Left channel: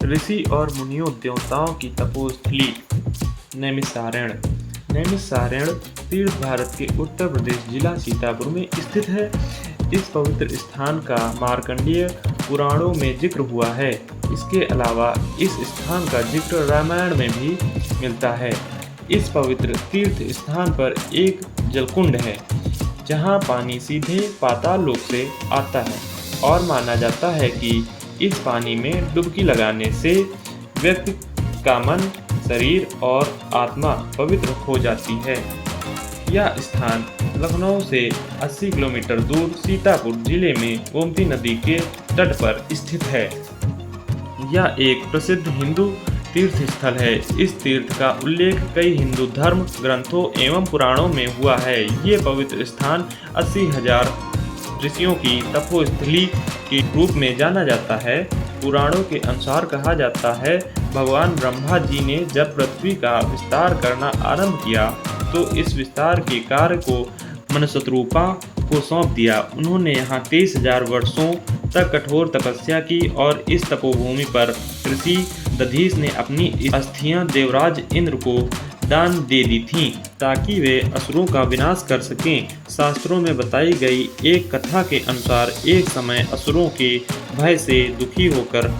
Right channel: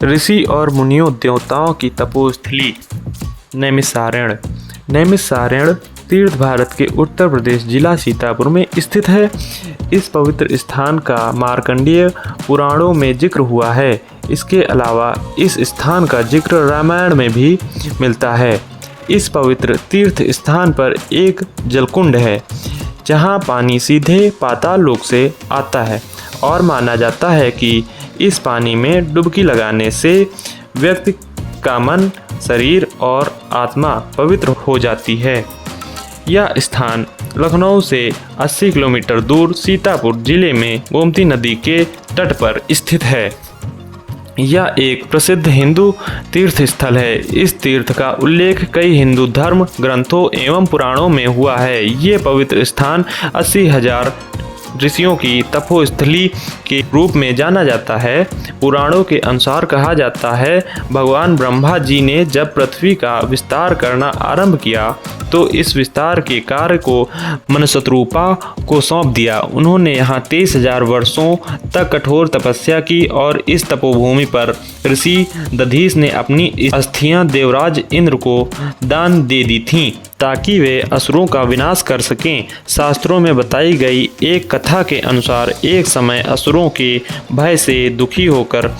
ऋषि और मुनियों देवताओं की तपोस्थली नैमिषारण्य। नैमिषारण्य तीर्थ भारत के उत्तर प्रदेश जिला सीतापुर में स्थित है। इस पवित्र स्थान का मार्कंडेय पुराणों में जिक्र हुआ है। इसके अलावा इस स्थान का जिक्र रामायण में भी मिलता है। इस पवित्र तीर्थ स्थान पर एक जलकुंड है जहां पानी सीधे पाताल लोक से आता है और माना जाता है कि इस पानी में डुबकी लगाने से व्यक्ति का मन, शरीर और आत्मा पवित्र हो जाती है। यह स्थान लखनऊ से 80 किलोमीटर दूर सीतापुर जिले में गोमती नदी के तट पर स्थित है। यह एक प्रसिद्ध हिंदू तीर्थ स्थल है। इस तीर्थ का उल्लेख कई हिंदू धर्म ग्रंथों एवं पुराणों में हुआ है। ये पवित्र स्थान 80,000 ऋषियों की तपोस्थली के रूप में जाना जाता है। पुराणों के अनुसार कहा जाता है, भगवान ब्रह्मा जी ने जब पृथ्वी का विस्तार करना आरंभ किया तो इस विस्तार के कार्य को मनसतरूपा को सौंप दिया। उन्होंने यहाँ 23,000 वर्षों तक कठोर तपस्या की और इस तपोभूमि पर ऋषि दधीच ने अपनी अस्थियां देवराज इंद्र को दान दे दी थीं ताकि वे असुरों का विनाश कर सकें। शास्त्रों में बताई गई एक कथा के अनुसार एक समय असुरों के भय से दुखी होकर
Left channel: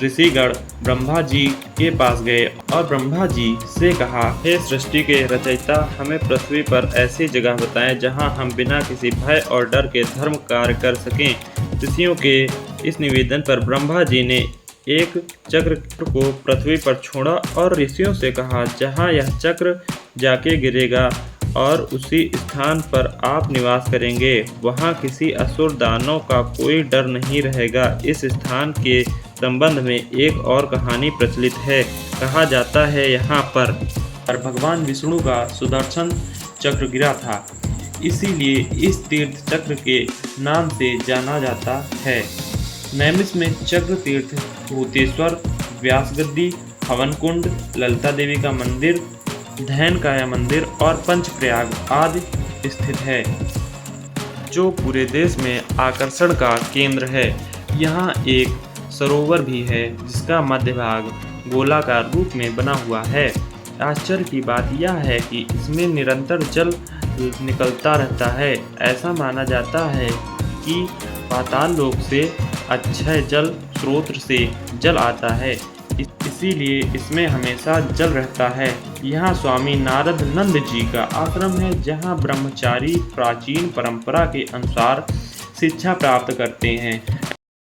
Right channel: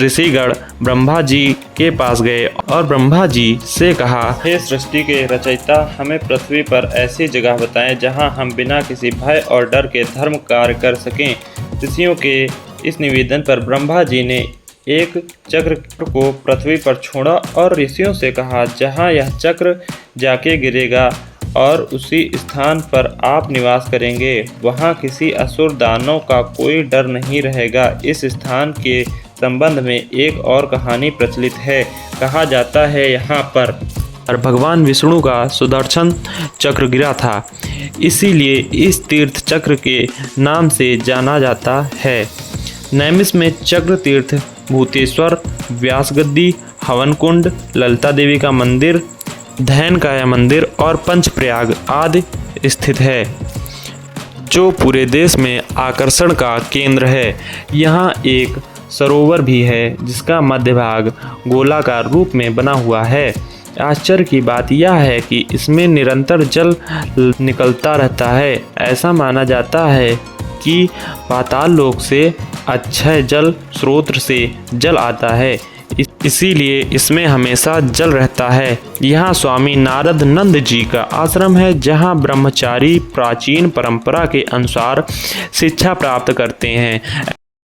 ऋषिगण ब्रह्मा जी के पास गए और ब्रह्मा जी से कहा, हे सृष्टि के रचयिता, हमें पृथ्वी पर ऐसी जगह बताएं जहां हम बिना किसी भय और डर के धर्म कार्य कर सकें। ऋषियों के इस निवेदन पर ब्रह्मा जी ने एक चक्र को पृथ्वी पर छोड़ा और ऋषियों से कहा, जहां यह चक्र जाके गिरेगा और उसी स्थान पर आप निवास करेंगे, वहां किसी असुर दानव का कोई डर नहीं रहेगा। इस स्थान के संबंध में एक और कहानी प्रचलित है। कहा जाता है यहाँ पर भगवान विष्णु का सुदर्शन चक्र गिरा था, इसीलिए इस तीर्थ चक्र के नाम से जाना जाता है। नैमिष में चक्र तीर्थ, भूतेश्वर, व्यास गद्दी, हवन कुंड, ललिता देवी का मंदिर, धैनकाया मंदिर और पंचप्रयाग आदि स्थित है, जो पूरे देश में आकर्षण का केंद्र है। यहाँ एक सरोवर भी है जिसका मध्य भाग गोलाकार रूप में बना हुआ है। आश्चर्य की बात यह है कि इसमें निरंतर जल निकलता रहता है। ऐसा माना जाता है कि पाताल लोक से अक्षय जल स्रोत से जल आता है, इसीलिए इसमें हमेशा जल रहता है। यहाँ स्वामी नारद नंद जी का आश्रम है, जहाँ ब्रह्मचारी प्राचीन परंपरा के अनुसार शिक्षा प्राप्त करते हैं।